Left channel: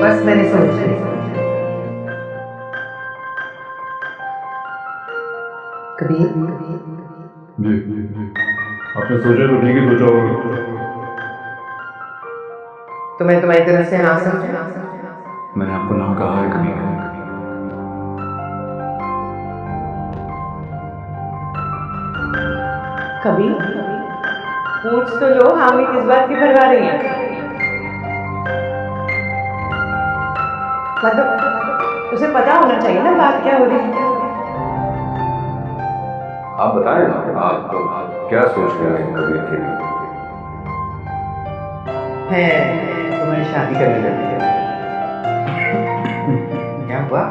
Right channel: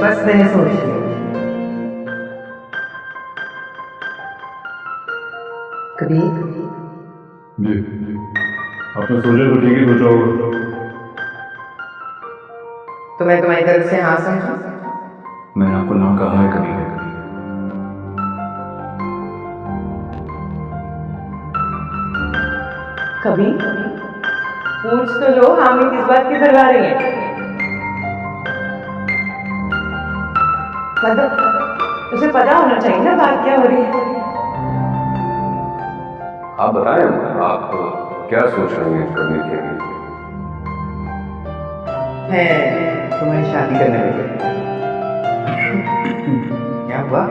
बस मैंने सोच लिया। कबीर जी, आपने सोचा तो ठीक ही सोचा होगा। तो मैं तुम्हारी तरफ से हाँ समझू? मैंने आपको ना कहा है कभी क्या? कबीर पूछ तो लो, हामी किस बात की करवा रही है? मतलब उसे पता होना चाहिए ना बात क्या हो रही है। आप बताएं, आप क्या सोच रही हैं कबीर के लिए? है तुम्हारी शादी करने लगे। क्या हुआ?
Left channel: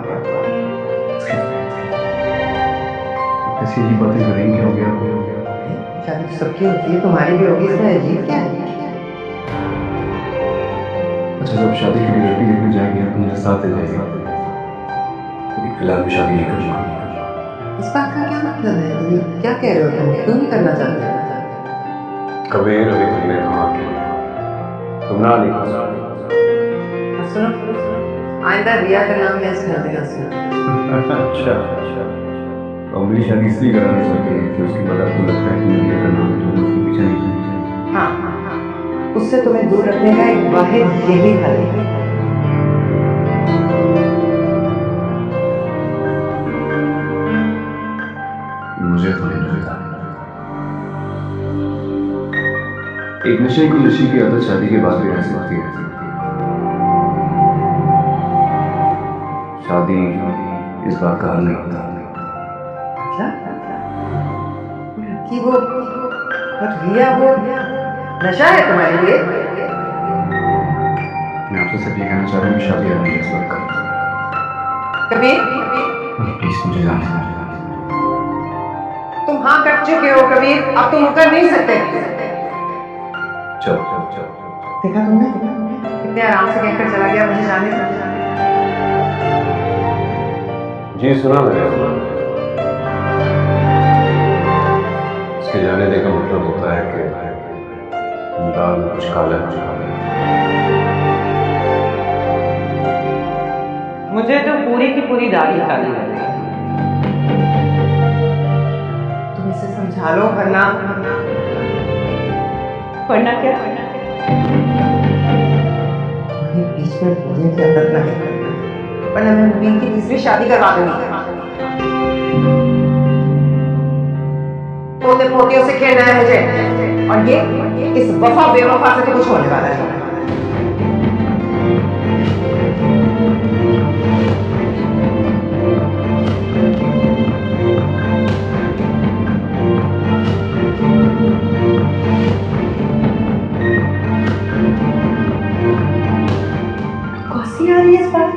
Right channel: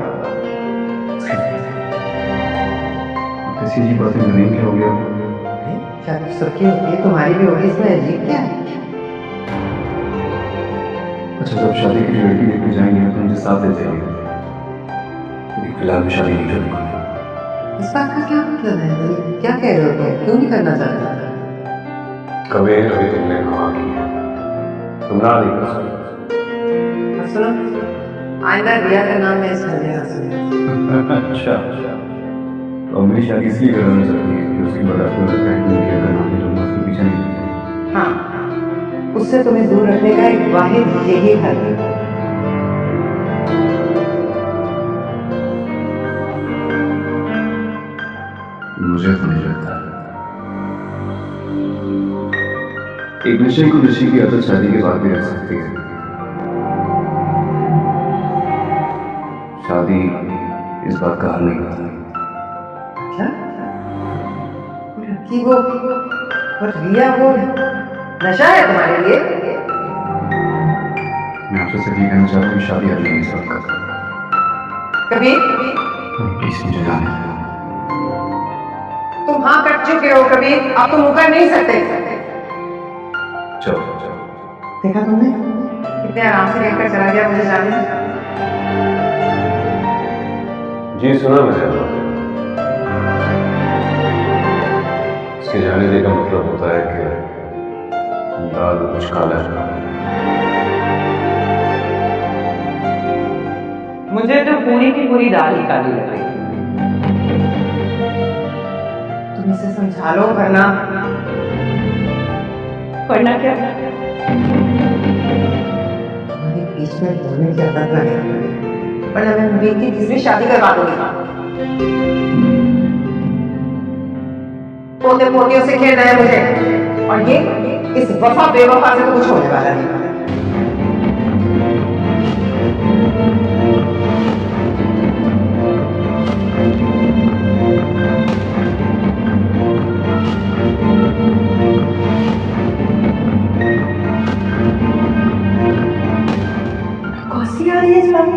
कैसी अजीब बातें कर रही हैं? क्या हो गया आपको? शादी तो सबकी होती है, तुम्हारी भी होगी, इसमें अजीब क्या है? अच्छा, जब शादी के लिए लड़की देखने जाएंगे तो मुझे साथ ले जाइए, लेकिन फिलहाल मैं शादी नहीं करूंगा। इस बात का क्या मतलब है? ये क्या कह रहे हो तुम? क्यों नहीं करना चाहते? कबीर, अभी तुमने हाँ की है, तुम ना नहीं कर सकते। और सुनो, आइंदा रिया का नाम मैं इस घर में ना सुनूं। अच्छा, तो मेरी शादी इसलिए कराना चाहती है कि उसके बाद आपको लगता है कि मैं रिया का नाम है तो मैं उसके पीछे नहीं जाऊंगा। हाँ, उससे तुम्हें दूर रखने का एक वाहिद यही हल है। मुझे तो नहीं लगता। एक नशे को नशे की आदत शादी के बाद भी रह सकती है। शादी इस बात का हल नहीं होता। लड़की वो रिया वो नशा है तुम्हारे लिए? मैं आपसे सिर्फ ये कहना चाह रहा हूँ कि शादी हल नहीं है इस बात का। कबीर प्लीज मुझे जाने दें। तुम हाँ कट चुके हो कबीर, अब तुम मुकर नहीं सकते। चलो। देखा तुमने कितने आराम से कहकर चला गया मुझे जाने दो। जी सुना मैंने अम्मा। इसके जाने दे का मतलब होता है कि दाल में कुछ काला है। मुझे तो पूरी की पूरी दाल ही काली लग रही है। तुम इसे समझा लो, वरना क्या? तुम्हारे बीच में बोलने की आदत ना है, वरना मैं मुबीन की तीसरी शादी करवा दूंगी। पोते पोतियों से खेलना है मुझे, और ये इस वफा बेवफा से तो कुछ होने वाला नहीं। कौसी आ रही है इस बात?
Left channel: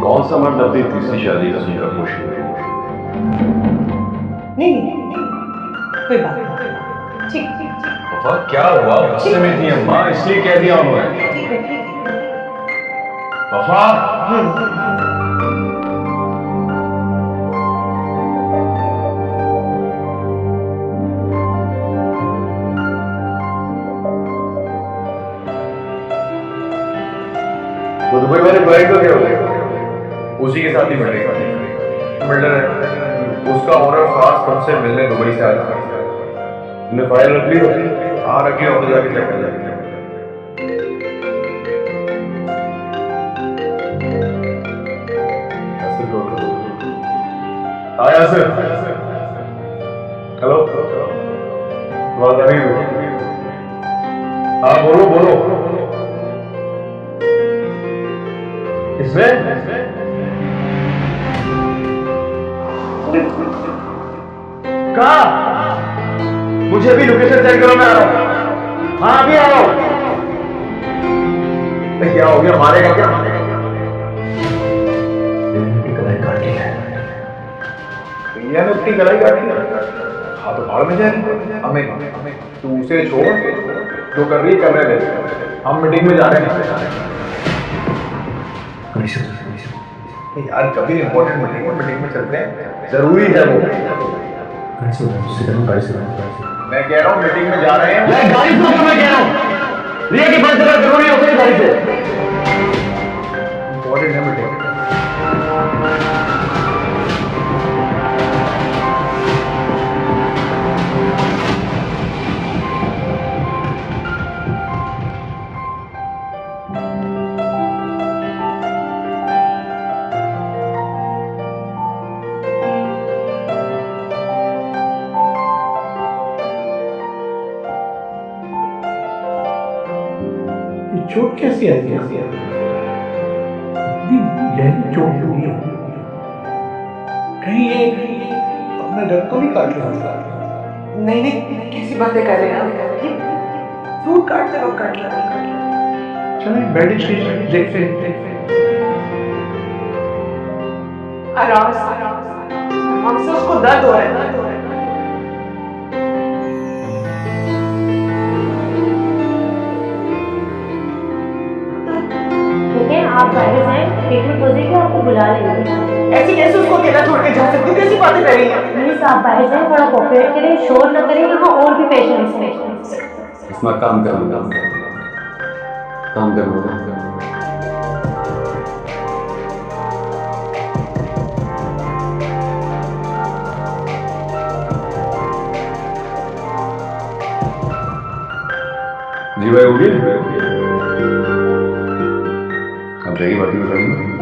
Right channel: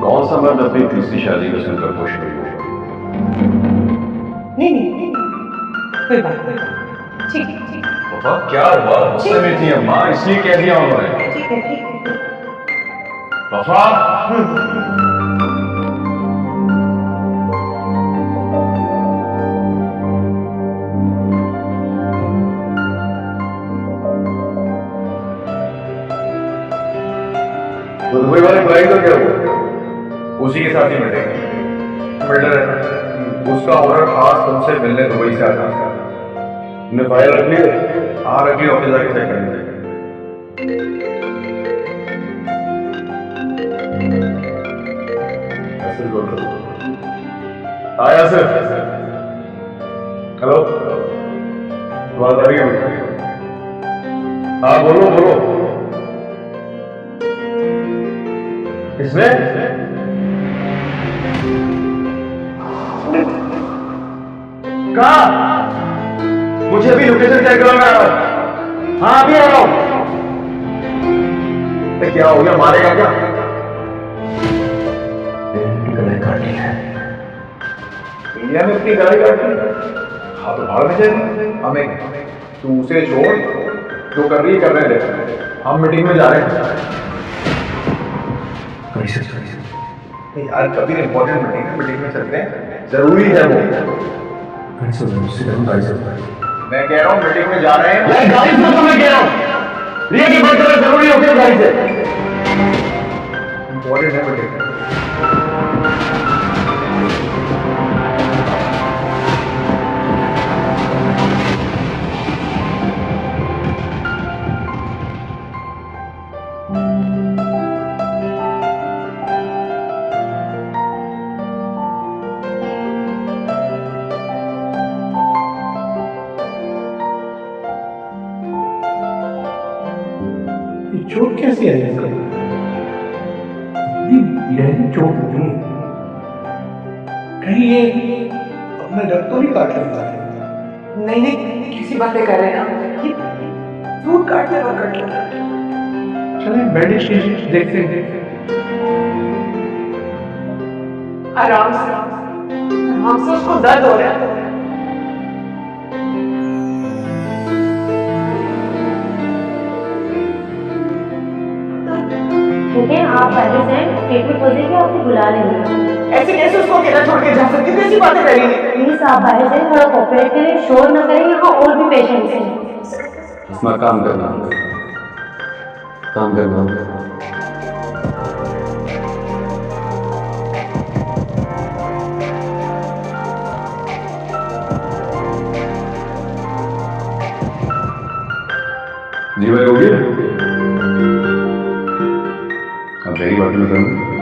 कौन सा मर्द अपनी तीसरी शादी का सुनकर खुश नहीं होगा? नहीं नहीं, कोई बात नहीं, ठीक वफा क्या हुआ? गुस्से में थी अम्मा, इसलिए कह दिया उन्होंने। ठीक है ठीक है। वफा वो दुबई वाले भाई का क्या हुआ? उसी के साथ ही मिलेगा, बिल्डर है उसका ओनर खास तुमसे मिलने दुबई से आ जाता है। तुमने फाइल रख ली है? हाँ रख ली, ऑफिस जाके चेक कर लेंगे। यासिर कॉल करो। हाँ यासिर, हेलो, आवाज आ रही है? हाँ बोलो बोलो। इसमें कहा? मुझे अभी लोकेशन सेंड करो, मैं आ रहा हूं। हाँ अभी आ रहा हूं। तो क्या हो गया, मारेगा क्या? अपनी कलाई काट ली है। भैया ने अपनी कलाई काट ली? हाँ तो भाड़ में जाएगी, हमें तू उसे छोड़, जो कर रही है करने दे, हम मीटिंग में जा रहे हैं। यार कभी इंपॉर्टेंट मीटिंग है, मीटिंग में चलते हैं, जरूरी है वो। गाड़ी से गाड़ी से मैं कह रहा हूँ मीटिंग में जा रहे हैं। यार गाड़ी से उतरो, मैं कह रहा हूँ रिया की बात करना जरूरी होती है, गाड़ी से इंपॉर्टेंट है मीटिंग। चोट कैसी आई? इतनी गहरी चोट लगी है, कहीं ये अपना रक्त तो नहीं काट लेता? नहीं नहीं, कैसी बातें कर रहे हैं आप? ये फ्रूट काटते वक्त कट लगा। चलें बैंडेज कीजिए, देखते हैं। आराम से उसको दर्द हो रहा है। ठीक है, आप बाहर जाएं, ट्रीटमेंट हो जाएगी, आपको बुला लेंगे। ऐसे कैसे उसको अकेला छोड़ के जा सकती हूँ? कैसी बातें कर रही हैं? प्लीज आप बाहर जाएं, थोड़ा कोऑपरेट करें, शोर ना करें, यहाँ और भी पेशेंट्स हैं। इसमें काम करना, काम करना। जी भाई हो गया, अब जाइए, बाकी मैं करूँगा।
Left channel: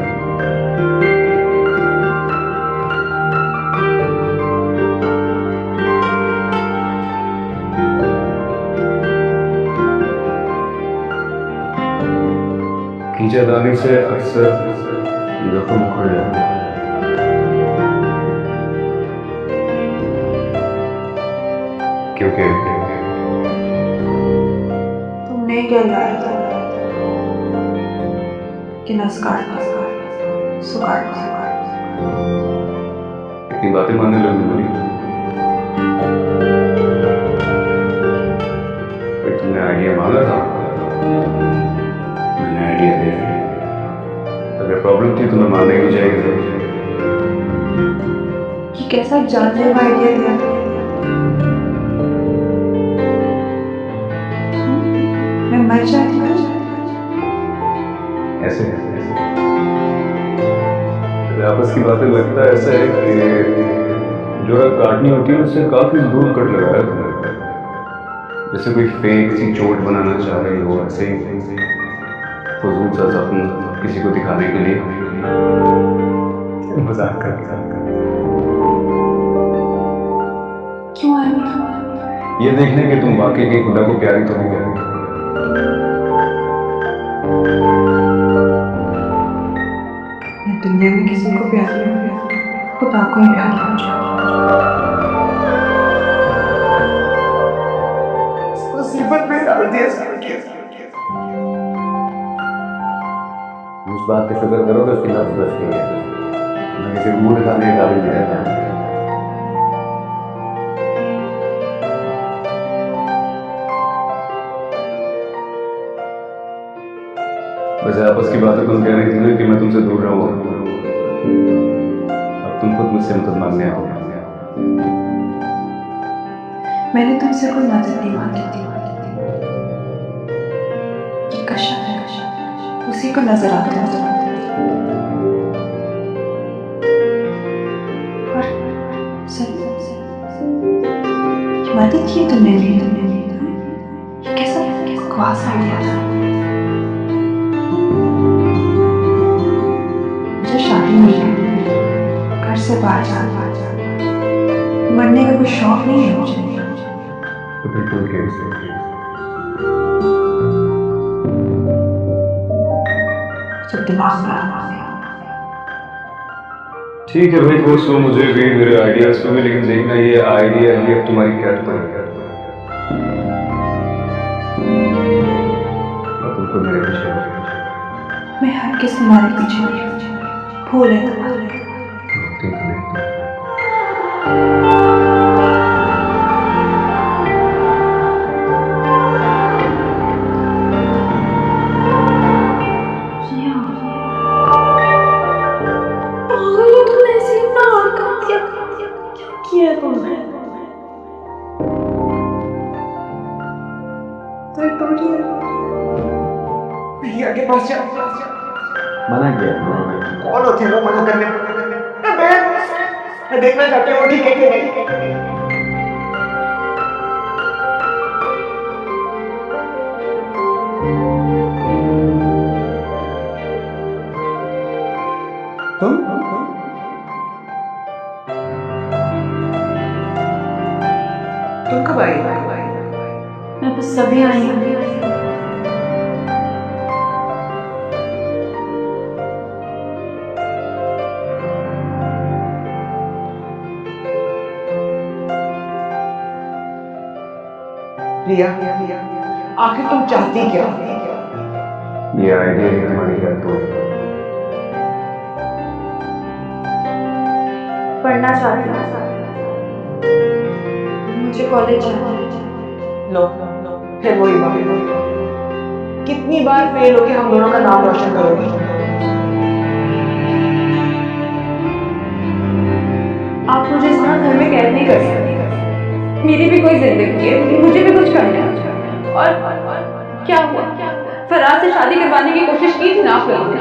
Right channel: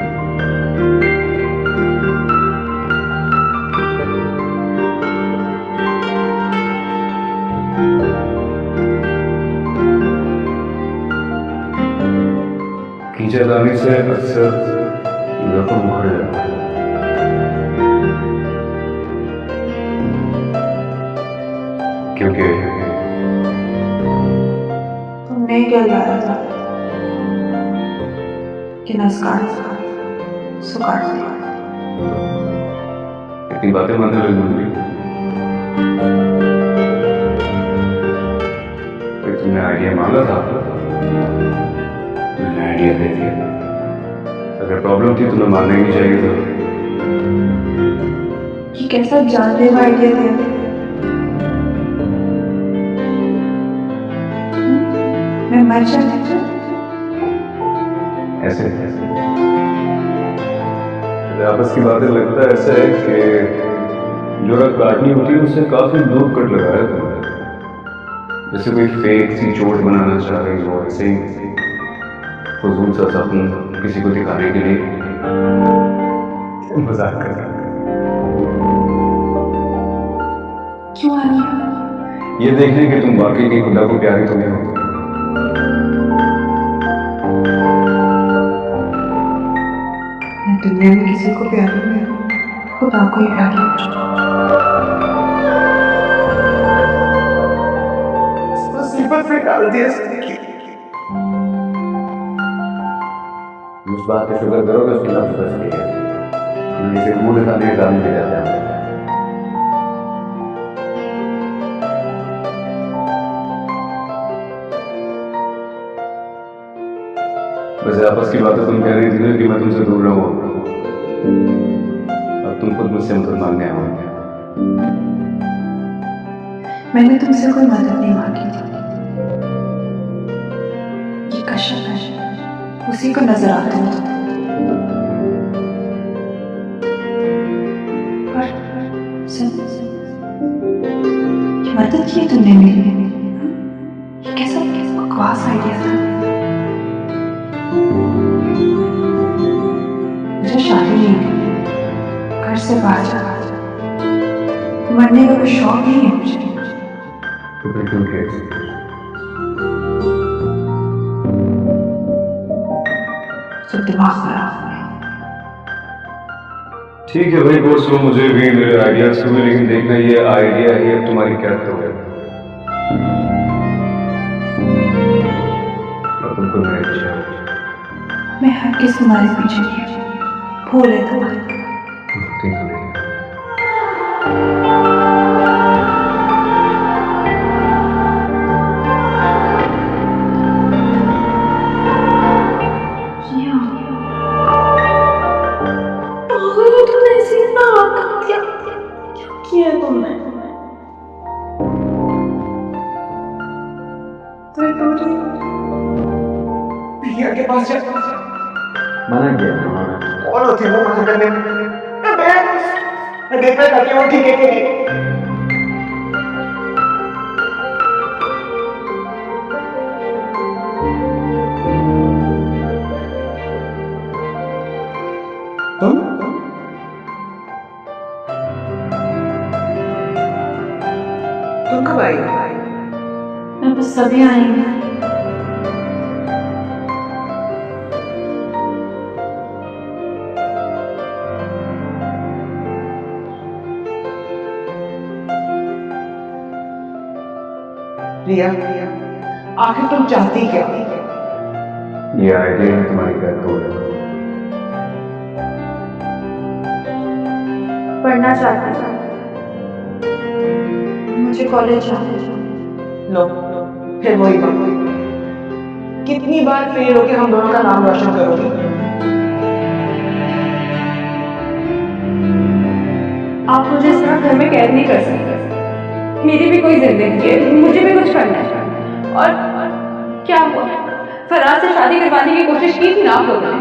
खींचातानी से अक्सर जख्म उखड़ जाता है। क्योंकि तुमने क्या लाया था कि नस काट दी, सो काट दी। इतनी बातें मानने लगी मेरी? भाई तुमने आइडिया मांगा था, मैंने आइडिया दे दिया। अगर प्रॉब्लम थी तो मैं मानने नहीं चाहिए था। ये कैसा जानलेवा आइडिया दिया? मैं मर जाती तो? ऐसे आपस की बातें लगता है ऐसा है कि जो रग काटनी होती है उससे काफी दूर कट लगाया तुमने, जैसे कोई फेक सी चोट बनाना चाह रही हो, ऐसे ही फजूल सा सपन किसी को दिखाने के लिए मजाक करके। क्यों आनिया? ये देखने कि तुम वाकई की खुदा को प्यारी तो नहीं हो। मैं दुनिया में किसी को प्यारी नहीं, खुदा को ही प्यारी हो जाऊं। मुसीबत में डाल दिया। उस बात का शुक्र करो कि उसकी नफ्स बच गई है, मैं किसी को मुंह दिखाने के काबिल भी रहते हैं। वैसे आपस की बातें तुम कह रही थी ना कि मैं तुमसे दूर रहूं, अब तुम खुद मुझसे मदद मांगने आओ। मैंने तुमसे कोई मदद नहीं मांगी थी। ये कशफ है, उसी को नजर आते हो तुम। और सही, ये मदद की तुमने मेरी? ये कैसा बकवास आइडिया था। मुझे शादी नहीं करनी, घर से बाहर जाना, मरने का कोई शौक नहीं है मुझे। तो फिर क्यों किया इसे? सब दिमाग खराब हो गया। ठीक है भाई, कोर्स वो मुझे भी मेरे आइडियाज को भी, लेकिन देखना ये आइडिया ही अब तुम्हारी कैद तो है। और तुम खुद मेरे पीछे हो। मैं हर किस तुम्हारे पीछे नहीं हूँ, भूल है तुम्हारी। ठीक है नहीं। पागल हो तुमने, ऐसे ही अपना हाथ काट दिया। क्या किया है तुमने? दर्द हो रही है? प्रिया के पास जा। मना किया उन्होंने। कौन होते हैं वो मना करने में? मैं देखना चाहती हूँ ठीक है कि नहीं। तुम कब आई? मैं बस सभी आई हूँ। प्रिया, आखिर तुम चाहती क्या? ये आइडिया ही तुम्हारी कैद तोड़। पढ़ना चाहती हूँ, मुझे कॉलेज जाना है। लो, फिर वही बात। कितनी बार फेल होके हम दोनों का नाम रोशन करोगी? आप मुझे इस तरह घर में कैद नहीं कर सकते। मेरी भी कोई जिंदगी है, मुझे भी कुछ करना है। और क्या हुआ, फराज से शादी करवाने की कोशिश की थी ना आप लोगों ने,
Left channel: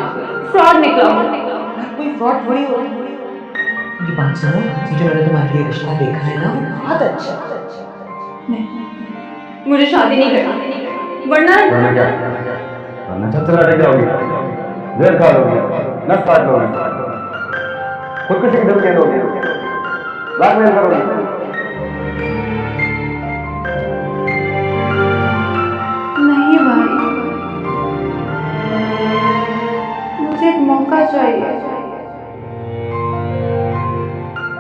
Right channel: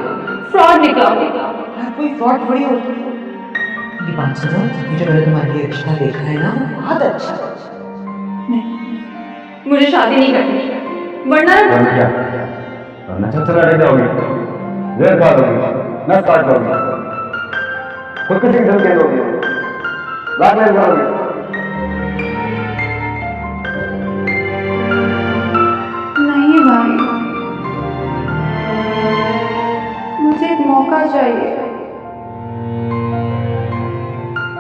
फ्रॉड निकला हो। यार कोई फ्रॉड थोड़ी होती। ये बात सुनो, ये जो मैंने तुम्हारे लिए रिश्ता देखा है ना, वो बहुत अच्छा। नहीं, मुझे शादी नहीं करनी, वरना वरना क्या? वरना छत से लटक जाओगी, जहर खा लोगी, नस काट लोगी, खुदकुशी की धमकी दोगी, ब्लैकमेल करोगी। नहीं भाई, मुझे एक मौका चाहिए।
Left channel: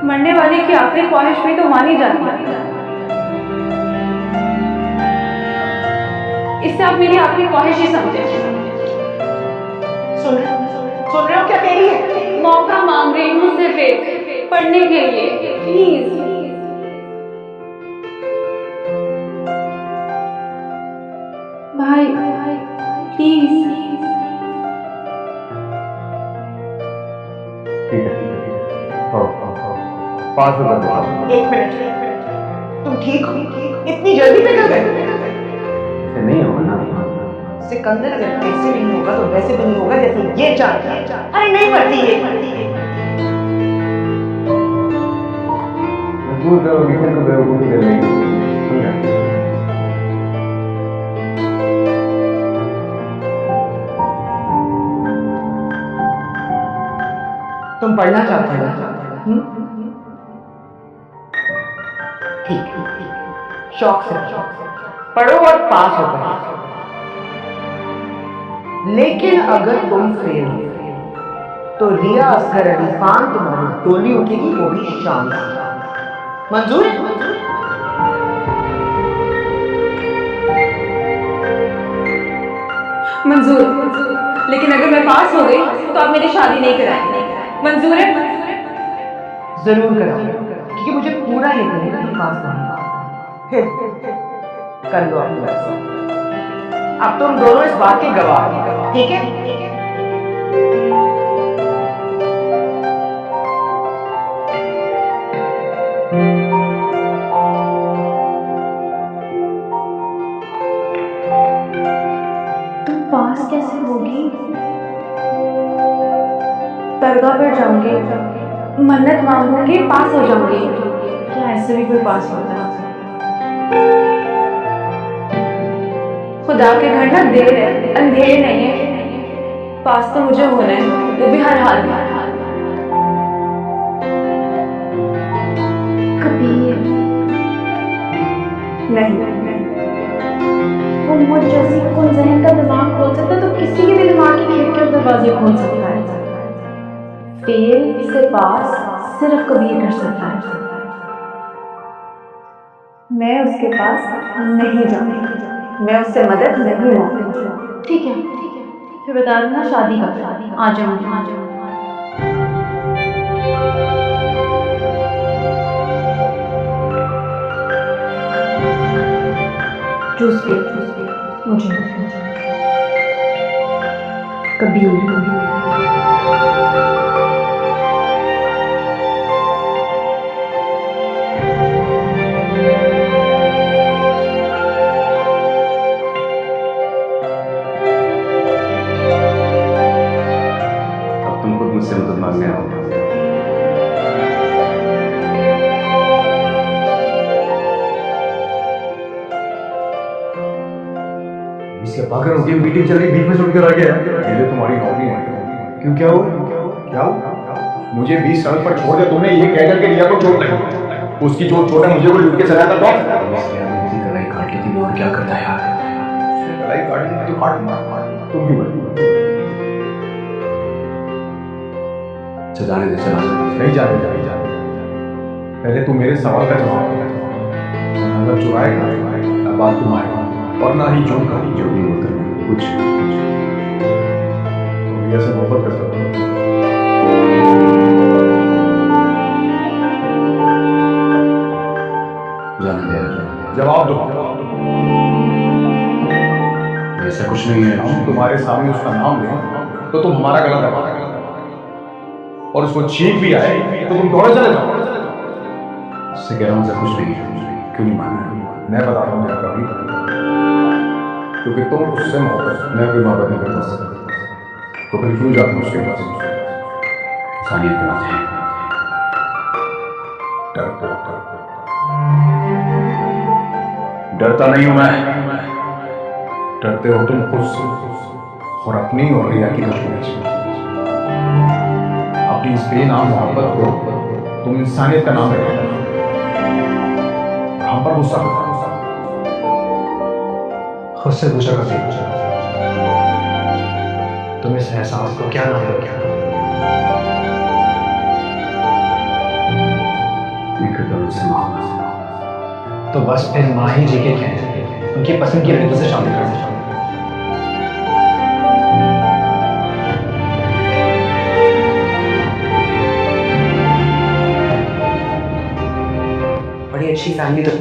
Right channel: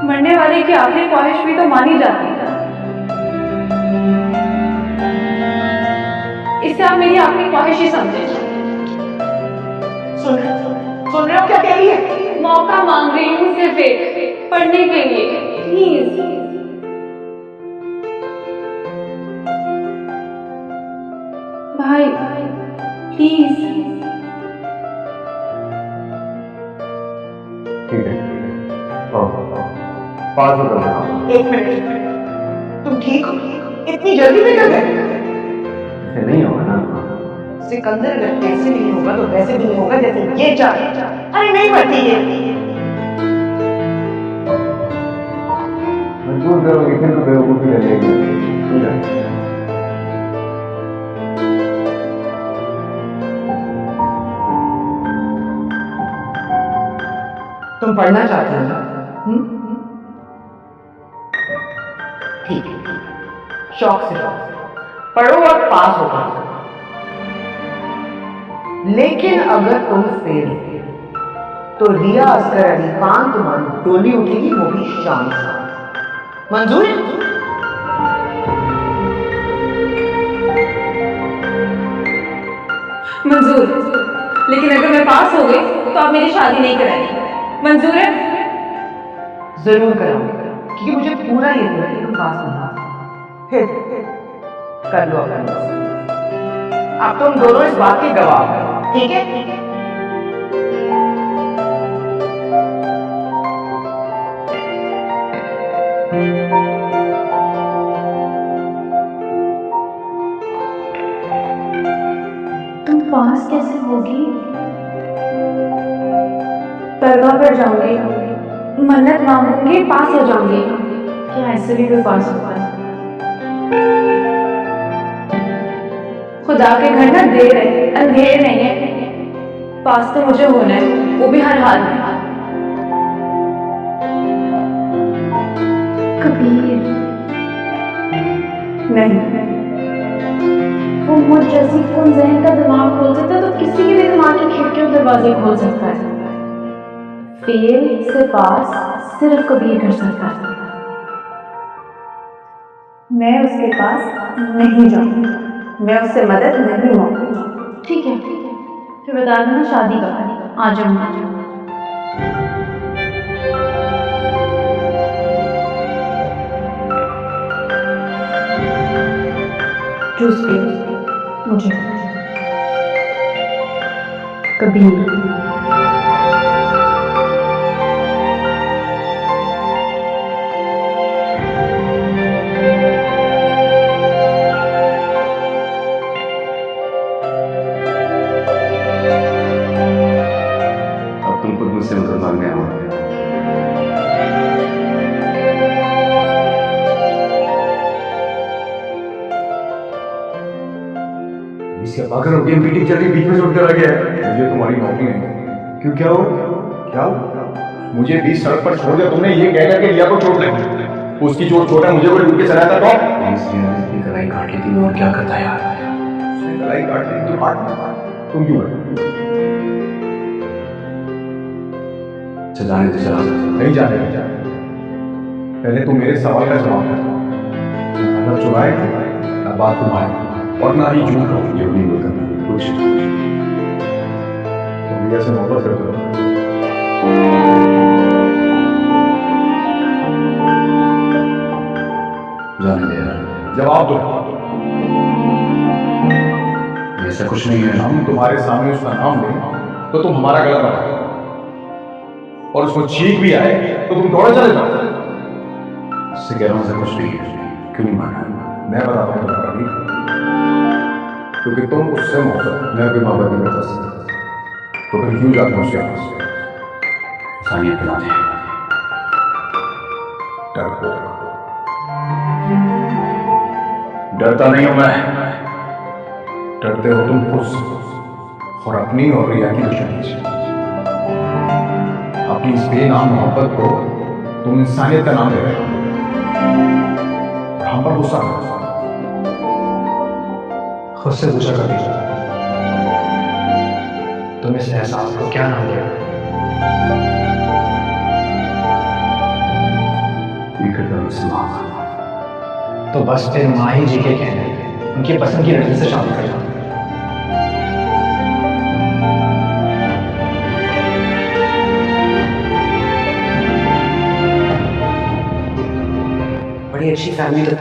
मरने वाले की आखिरी ख्वाहिश भी तो मानी जाती है। इससे आप मेरी आखिरी ख्वाहिश ही समझे। सुन रहे हो क्या कह रही है? मौका मांग रही हूँ सिर्फ एक, पढ़ने के लिए, प्लीज। भाई प्लीज। ठीक है, हाँ, 500 कर देना। एक मिनट, तुम ठीक हो? इतनी जल्दी पिघल गए? ऐसे नहीं होगा ना। सिकंदर अगर ऐसे नहीं होगा तो वैसे भी नहीं होगा जैसे ये चाह रहे हैं। अरे नहीं मरती ये। मजबूर करोगी फिर तो बेवकूफी कर लेगी, समझा? तुम पढ़ना चाहती हो ना? ठीक है, शौक से पढ़ो और पास हो कर। लेकिन अगर तुम फेल हो तो रिया असगर अली खान तुम्हारी डोली उठेगी, वो भी शान से। मंजूर है? मंजूर, लेकिन अगर मैं पास हो गई तो आप मेरी शादी नहीं कराएंगे। मंजूर है? जरूर कराऊंगी, क्योंकि मुझे पूरा यकीन है कि तुम पास नहीं हो। फिर कर लो अपना। अब तुम दोनों इस बात के गवाह हो, ठीक है? तुम पास कैसे होगी? दरगाह पर जाऊंगी, मन्नत मांगूंगी, पास हो जाऊंगी। क्या ऐसे भी कोई पास होता है? खुदा के घर ना देर है, अंधेर नहीं है। पास तो मुझे होना है, वो भी हर हाल में। कबीर, नहीं, वो मुझ जैसी कौन जहन का दिमाग खोल सकता है तो किसी के भी दिमाग की खिड़की और दरवाजे खोल सकता है। फेल से पास सिर्फ कबीर कर सकता है। मैं उसके पास नहीं जाऊंगी, मैं उससे मदद नहीं मांगूंगी। ठीक है, फिर बता देना शादी कब है, आ जाऊंगी। जूस पियो, मुझे। कबीर, अब तुम खुद मुझसे मदद मांगने आओ। इसके पागल हो गई, मीटिंग चल रही, बीच में से उठकर आ गया है। मुझे तुम्हारी नौकरी नहीं है। क्यों, क्या हो? क्या हो? मुझे बीच सड़क पर छोड़ दिया तुमने, ये कह करके रिया को चोट लगी। उसकी चोट छोटा, मुझे कोई लूट के चला था तो? इतनी कलाई काट ली थी, मैं और क्या करता यार। उसने कलाई काट दी तो काट ली, तुम क्यों गए? अच्छा जाने दे, चला जा। नहीं जाने दे, पहले तू मेरे सवाल का जवाब दे। ना खाना चुराएगा, ना बात तुम्हारी, और ना ही झूठ कहूँ। जो नहीं बोलता कुछ। तुम रिया से मोहब्बत करते हो? जाने दे यार, जवाब दो। ऐसा कुछ नहीं है। हम तुम्हारे सामने उसका नाम लें तो तुम हमारा गला दबा, और उसको छींक भी आए तो तुम दौड़े चले जाओ। उससे कह रहा हूं ऐसा कुछ नहीं है, क्यों नहीं माना? मैं बताता हूं तुम्हें कभी, क्योंकि तुम उससे मोहब्बत, मैं कोई मोहब्बत नहीं करता उससे। तो फिर क्यों जाते हो उसके पास? इंसानियत के नाते। डरपोक। डरता नहीं हूं मैं। डरते हो तुम खुद से, और अपनी और रिया की दुश्मनी से। अपनी इस बेनाम मोहब्बत को तुम इंसानियत का नाम दे रहे हो, और हम पर गुस्सा कर रहे हो। खुद से पूछा कभी, तुम इस एहसास को क्या नाम दोगे? तो बस फिर माही जी के कहने उनकी पसंद की लड़की से शादी कर लो। बड़ी अच्छी फैमिली तो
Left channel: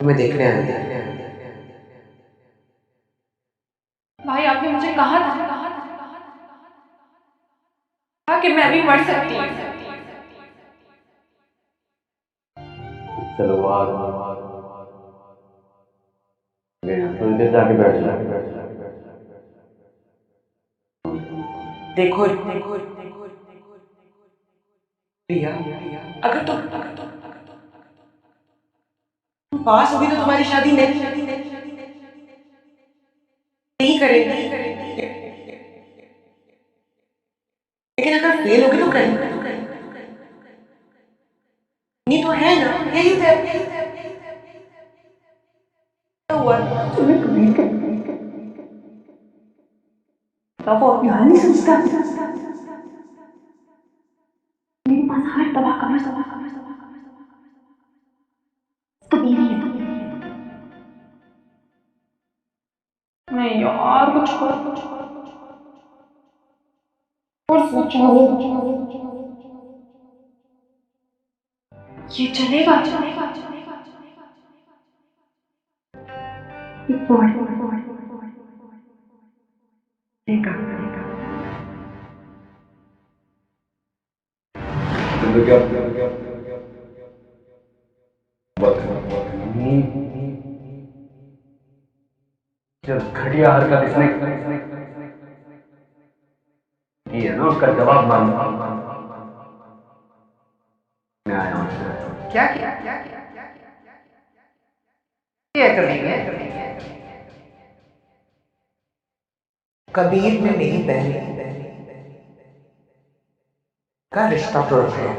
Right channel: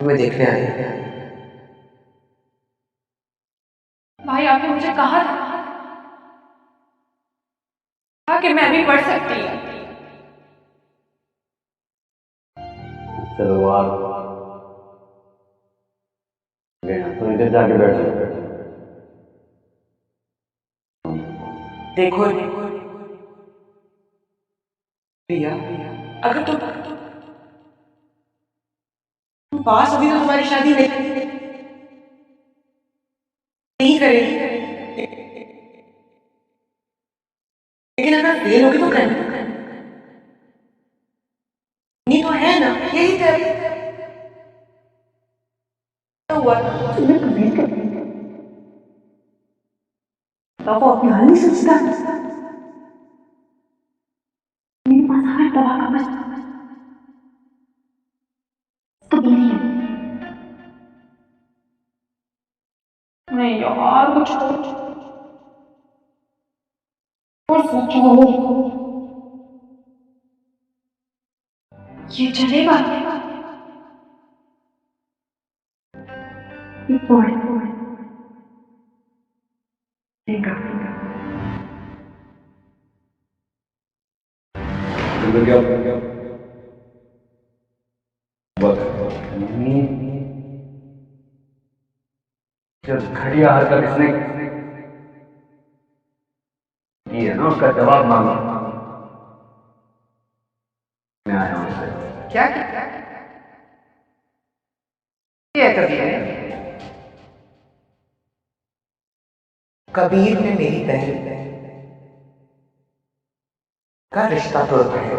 तुम्हें देखने आई है। भाई आपने मुझे कहा था कि मैं अभी पढ़ सकती हूँ। चलो आ गए, थोड़ी देर जाके बैठ जाओ। देखो रिया, अगर तुम पास होगी तो तुम्हारी शादी नहीं करेंगे, लेकिन अगर फेल होगी तो करनी तो है ना। यही तय हुआ। तुम्हें कबीर के वो अपनी हाल नहीं सोचता। मेरे पास हर दवा का बस कबीर ही है। नहीं यार, कुछ और सोचो। ये चलेगा? तो क्या बात है? जो घटिया हरकत इसने की है ना, उसका जवाब मांगने आया हूं उससे। क्या किया है कबीर ने? कबीर ने मेरी बहन का रिश्ता तोड़वाया।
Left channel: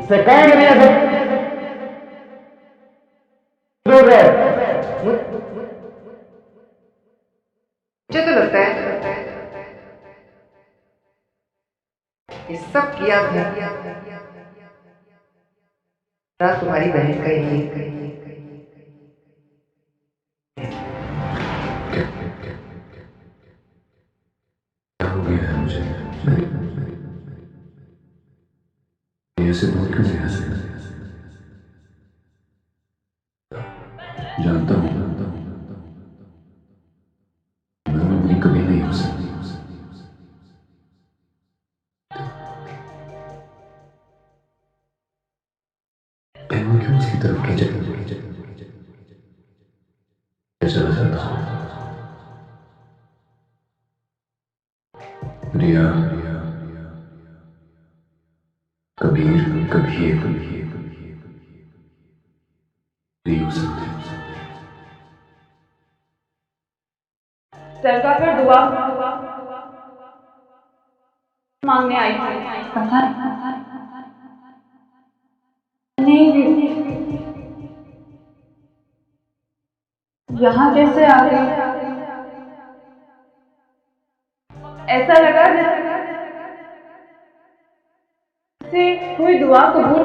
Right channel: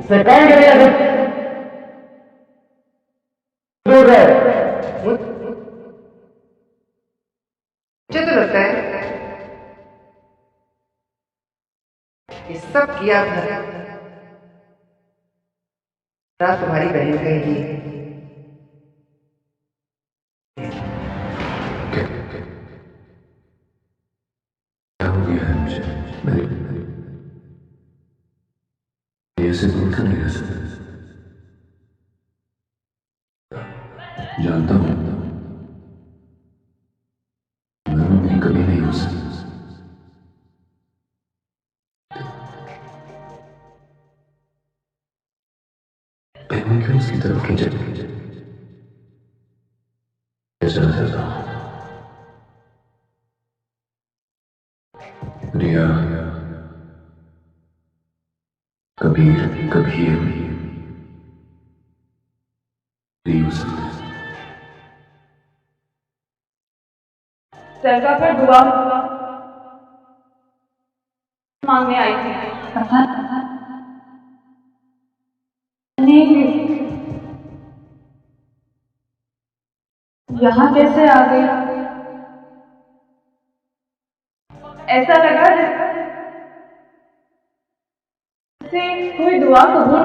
इसे कौन करेगा दूर रहे। मुझे तो लगता है ये सब किया भरा तुम्हारी बहन का ही है। क्या हो गया है मुझे? मैं ऐसे दूर क्यों नहीं रह सकता? जानता हूं मैं मेरी कभी नहीं हो सकती। फिर मैं क्यों उसकी तरफ खींचे चला जाता हूं? रिया, कबीर कभी एक नहीं हो सकते। दरगाह पर दुआ मांगने आई थी। पता नहीं यहाँ कैसे आ गई? ऐसा लगा जैसे कोई दुआ कबूल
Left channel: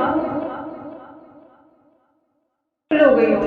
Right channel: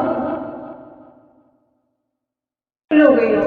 हो गई हो।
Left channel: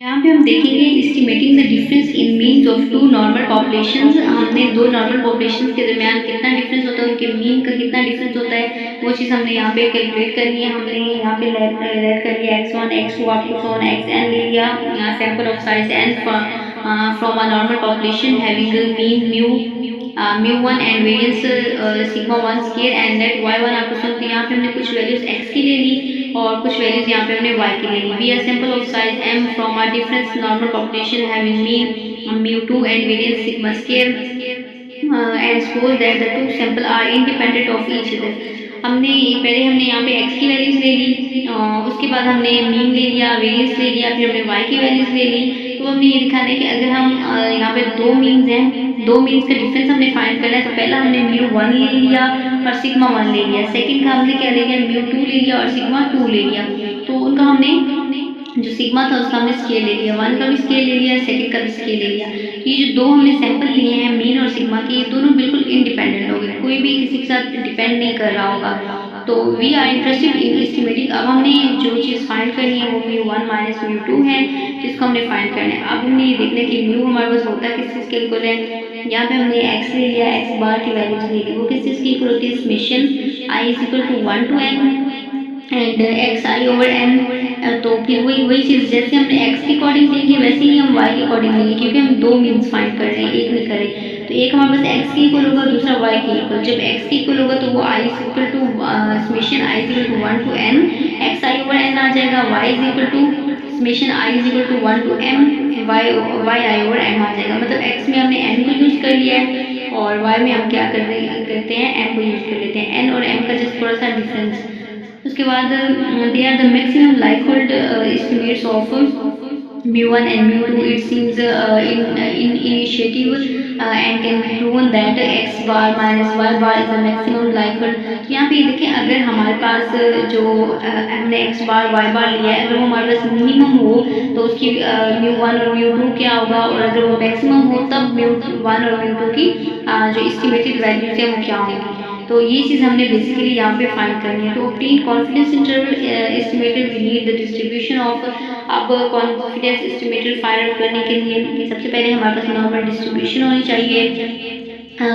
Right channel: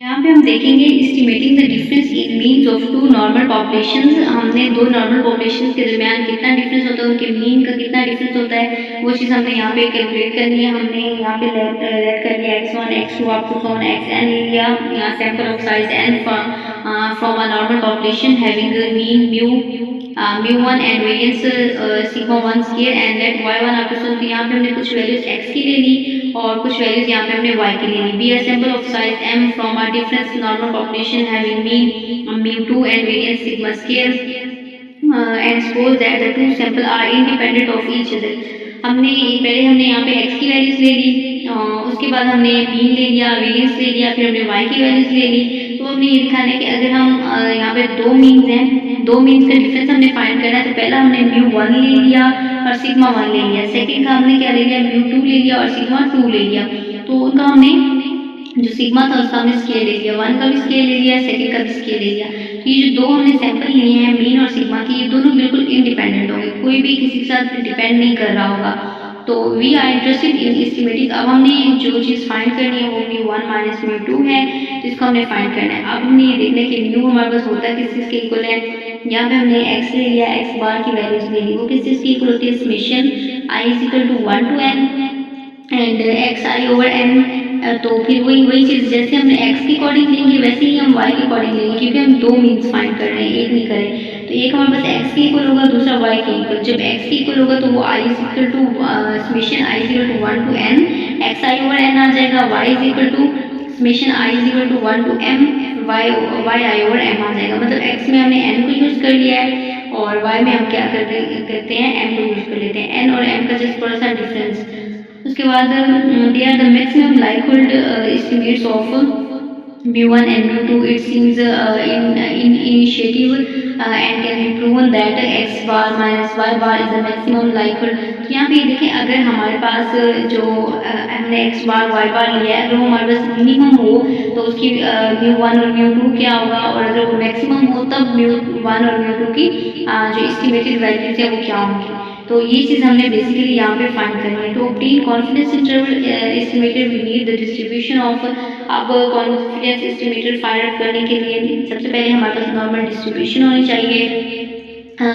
यहाँ पे हम देखेंगे estimating the difference in means of two normal populations. हमने दो नॉर्मल पॉपुलेशंस के दरमियान कितना डिफरेंस होता है, उनके मीन का कितना डिफरेंस होता है, वो वो चीज़ हमने यहाँ पे कैलकुलेट करनी है। हमने यहाँ पे लेट कर लिया x1 x2 up to Son xn ले लिया sample of size n from a normal population having mean mu1 and variance sigma 1 square and let y1 up to सोन। तो यहाँ पे हमने कुछ वैल्यूज x की ले ली और कुछ वैल्यूज यहाँ पे हमने y की ले ली। Be a sample of size m from a difference normal population having mean mu2 and variance sigma square and suppose that the two sample are independent of each other. हमने यहाँ पे x की values ले ली, उसके बाद हमने mean ले लिया, वेरियंस ले लिया, फिर हमने y की वैल्यूज ले ली। तो हमने ये दिखाना है कि अगर हम यहाँ पे दो मीन्स हैं, दो मीन्स का डिफरेंस हमने फाइंड करना है। तो पहला हमने mu1 ले लिया और सिग्मा 1 ले लिया, सेकंड का हमने क्या ले लिया, mu2 ले लिया और सिग्मा 2 ले लिया। तो उनका हमने जो सिग्मा था उसका हमने स्केल ले लिया, 1 का भी स्केल ले लिया, सेकंड का भी स्केल ले लिया। तो ये जो दो हमने सैंपल लिए हैं मीन और सिग्मा के, ये दोनों बिल्कुल इंडिपेंडेंट होंगे, कोई भी किसी के साथ डिपेंड नहीं कर रहा होगा। तो we are interested in estimating. अब हमने जो चीज़ फाइंड करनी है वो mu1 माइनस mu2 है, जिसको हमने फाइंड करना है। अब हमने ये देखना है कि म्यू हमारे पास होता किस चीज़ के इक्वल है। यहाँ पे हमने x ले लिया, x बार की वैल्यूज ले ली, वो किस चीज़ की इक्वल होती है, summation i is equal to 1 to n and x i over n. तो फिर वही चीज़ जैसे हमने x के अकॉर्डिंग लेंगे वैसे ही हम y के अकॉर्डिंग लेंगे, क्योंकि हम दो मीन्स फाइंड कर रहे हैं, एक नहीं करें। तो एक हमारे पास x के इक्वल होगा, दूसरा y के इक्वल। जब x के इक्वल होगा तो वो i is equal to summation i is equal to 1 to n x i over n आ जाएगा, y is equal to summation i is equal to 1 to m y i over m आ जाएगा। मतलब x में हमने n को use कर लिया है और y में हम क्या करते हैं, m को यूज़ कर लेते हैं, n और m का जस्ट थोड़ा सा डिफरेंस। उसके बाद they are the maximum likelihood estimates of mu1 and mu2 it seems in initiative and can be proven that x bar minus y bar is the maximum likelihood। तो यहाँ पे ये देखें, अगर हमारे पास जो हमने x बार y बार लिया है, अगर वो हमारे पास मिनिमम हो तो उसकी mu1 और mu2 क्या होगा, और अगर वो मैक्सिमम हो तब mu1 और mu2 की जो एस्टिमेटेड वैल्यूज है वो क्या होंगी। तो ये चीज़ हमने बेसिकली यहाँ पे फाइंड करनी है। तो obtain confidence interval estimated we need the distribution of. अब कॉन्फिडेंस एस्टिमेटेड फाइंड आउट करने के लिए सबसे पहले हमारे पास नॉर्मल डिस्ट्रीब्यूशन होनी चाहिए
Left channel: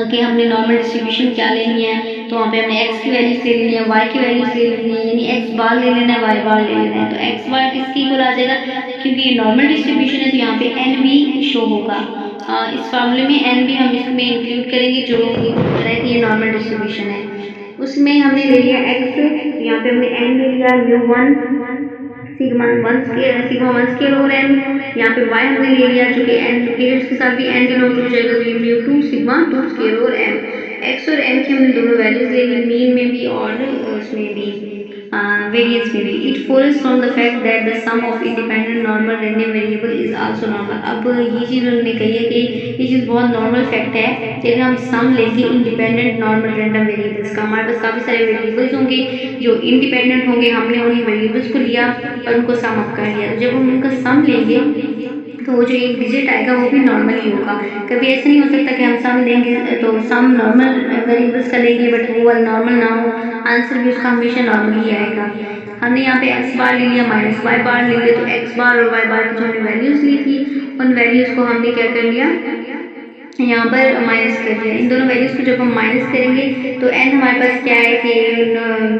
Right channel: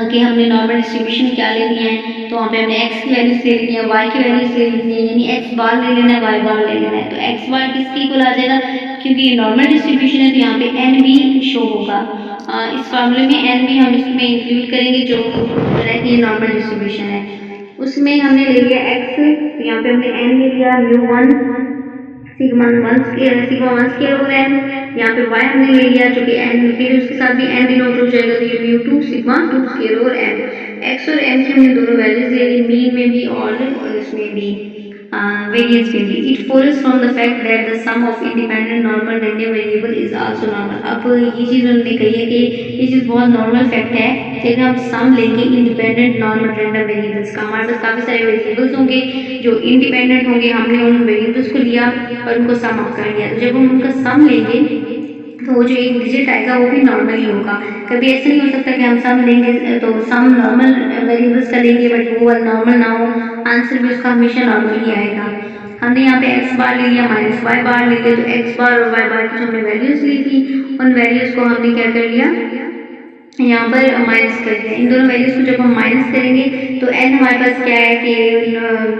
कि हमने नॉर्मल डिस्ट्रीब्यूशन क्या लेनी है। तो वहाँ पे हमने x की वैल्यूज ले लेनी है, y की वैल्यूज ले लेनी है, यानी x बार ले लेना है, y बार ले लेना है। तो x बार किसके इक्वल आ जाएगा, क्योंकि ये नॉर्मल डिस्ट्रीब्यूशन है तो यहाँ पे n भी शो होगा। इस फार्मूले में n भी हम इसमें इंक्लूड करेंगे जो तरह की ये नॉर्मल डिस्ट्रीब्यूशन है। उसमें हमने ले लिया x, तो यहाँ पे हमने n ले लिया, mu1 sigma 1 square over n। यहाँ पे y हमने ले लिया जो कि n, फिर उसके साथ भी n डिनोट हो जाएगा, तो ये mu2 sigma 2 square over n। x और m की हमने दोनों वैल्यूज ले ली, मीन में भी और उसमें भी वेरियंस में भी। It follows from the fact that the sum of independent normal random variable is also normal. अब ये चीज़ उन्होंने कही है कि ये चीज़ बहुत नॉर्मल फैक्ट है कि अगर हम सम लेंगे इंडिपेंडेंट नॉर्मल रैंडम वेरिएबल्स का, हमारे पास काफ़ी सारे वेरिएबल्स होंगे जो इंडिपेंडेंट होंगे, हमने उन वेरिएबल्स को लिया और उनको सम अप कर लिया। तो जब हम उनका सम लेंगे तो वो जो एक डिजिट आएगा वो भी नॉर्मल ही होगा। कभी ऐसा नहीं हो सकता कि हम सम लेंगे तो सम नॉर्मल वेरिएबल्स का लेंगे बट वो वाला नॉर्मल ना हो, आंसर भी उसका हमेशा नॉर्मल ही आएगा। हमने यहाँ पे x बार ले लिया माइनस y बार ले लिया, तो x बार और y बार की जो हमने वैल्यूज़ ली थी उन वैल्यूज़ को हमने क्या कर लिया, यहाँ पर माइनस कर दिया। इन दोनों वैल्यूज़ को जब हम माइनस करेंगे तो n हमारे पास क्या है कि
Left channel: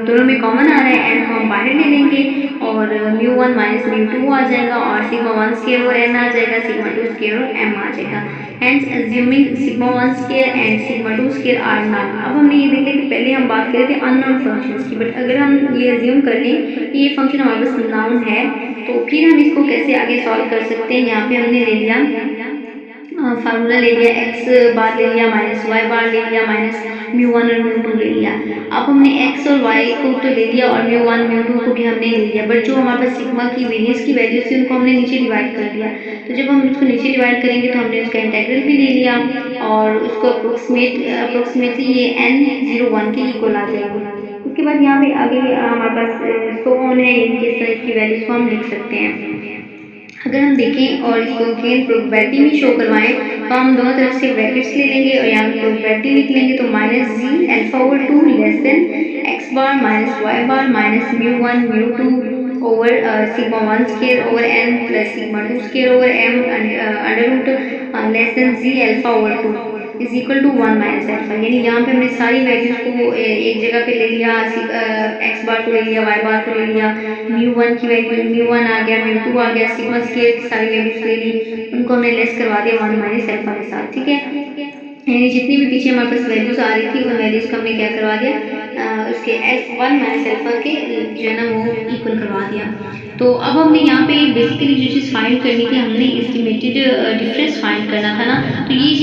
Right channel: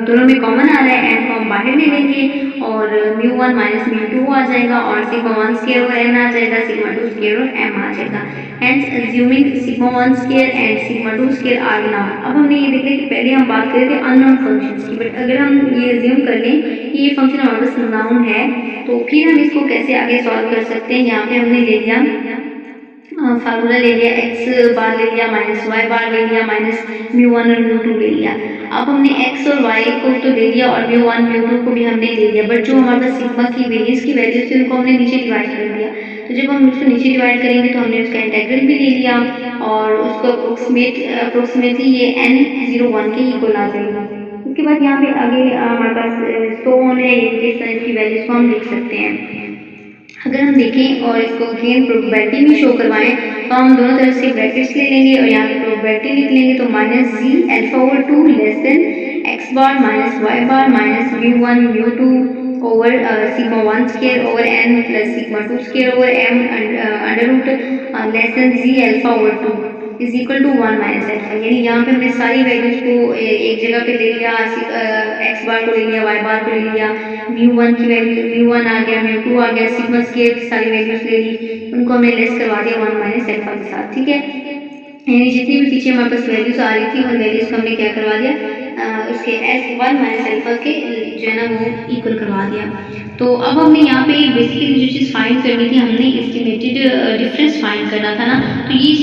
दोनों में कॉमन आ रहा है, n को हम बाहर ले लेंगे और mu1 माइनस mu2 आ जाएगा और सिग्मा 1 स्क्वायर ओवर n आ जाएगा, सिग्मा 2 स्क्वायर ओवर m आ जाएगा। Hence assuming sigma 1 square and sigma 2 square are known. अब हमने ये देख लिया कि पहले हम बात कर रहे थे अननोन फंक्शंस की, बट अगर हम ये अज्यूम कर लें कि ये फंक्शन हमारे पास नाउन है तो फिर हम इसको कैसे आगे सॉल्व कर सकते हैं। यहाँ पे हमने ले लिया फार्मूला ले लिया, x बार ले लिया माइनस y बार ले लिया माइनस mu1 और mu2 ले लिया। अब हमने x और y को तो ले लिया और mu1 mu2 को भी हमने ले लिया, बट जो हमारे पास सिग्मा की वेरियंस की वैल्यूज थी उनको हमने नीचे डिवाइड कर दिया। तो जब हम उसको नीचे डिवाइड करेंगे तो हमने उसका इंटेग्रल भी ले लिया और उसको अप्रोक्सीमेटली ये n01 के इक्वल आ जाएगी। उसके बाद यहाँ पे आगे हमारे पास सो ऑन है, यानी कि इस तरह इसकी वैल्यूज़ को हम लिख सकते हैं। अगर हम देखें और इसको अगेन प्रोबेबिलिटी में शो करवाएं तो हम दोनों तरफ से ब्रैकेट्स ले लेंगे और यहाँ पे प्रोबेबिलिटी लिख लेंगे। तो minus z alpha over 2 less than x bar minus y bar minus mu1 mu2 over sigma 1 square over n plus sigma 2 square over m under root less than z alpha over 2। Is equal to 1 minus alpha. यानी यहाँ पे हमने सारी values को एक जगह पे ले लिया, एक्स बार को ले लिया, वाई बार को ले लिया, μ1 की वैल्यू μ1 आ गया, μ2 आ गया, सिग्मा स्क्वायर की सारी वैल्यूज़ ले ली, उनको हमने लेस करवा दिया 1 माइनस अल्फा के साथ। ठीक है, यानी जितनी भी पीछे हमारे पास वैल्यूज़ आ रही थी उन वैल्यूज़ को हमने क्या करवा दिया, उसके S1 माइनस अल्फा के जो है ना वो इक्वल करवा दिया। तो अब हमने यहाँ पे बेसिकली जो चीज़ फाइंड करनी थी, हमने एस्टिमेटेड डिफरेंस फाइंड करना था ना, तो ये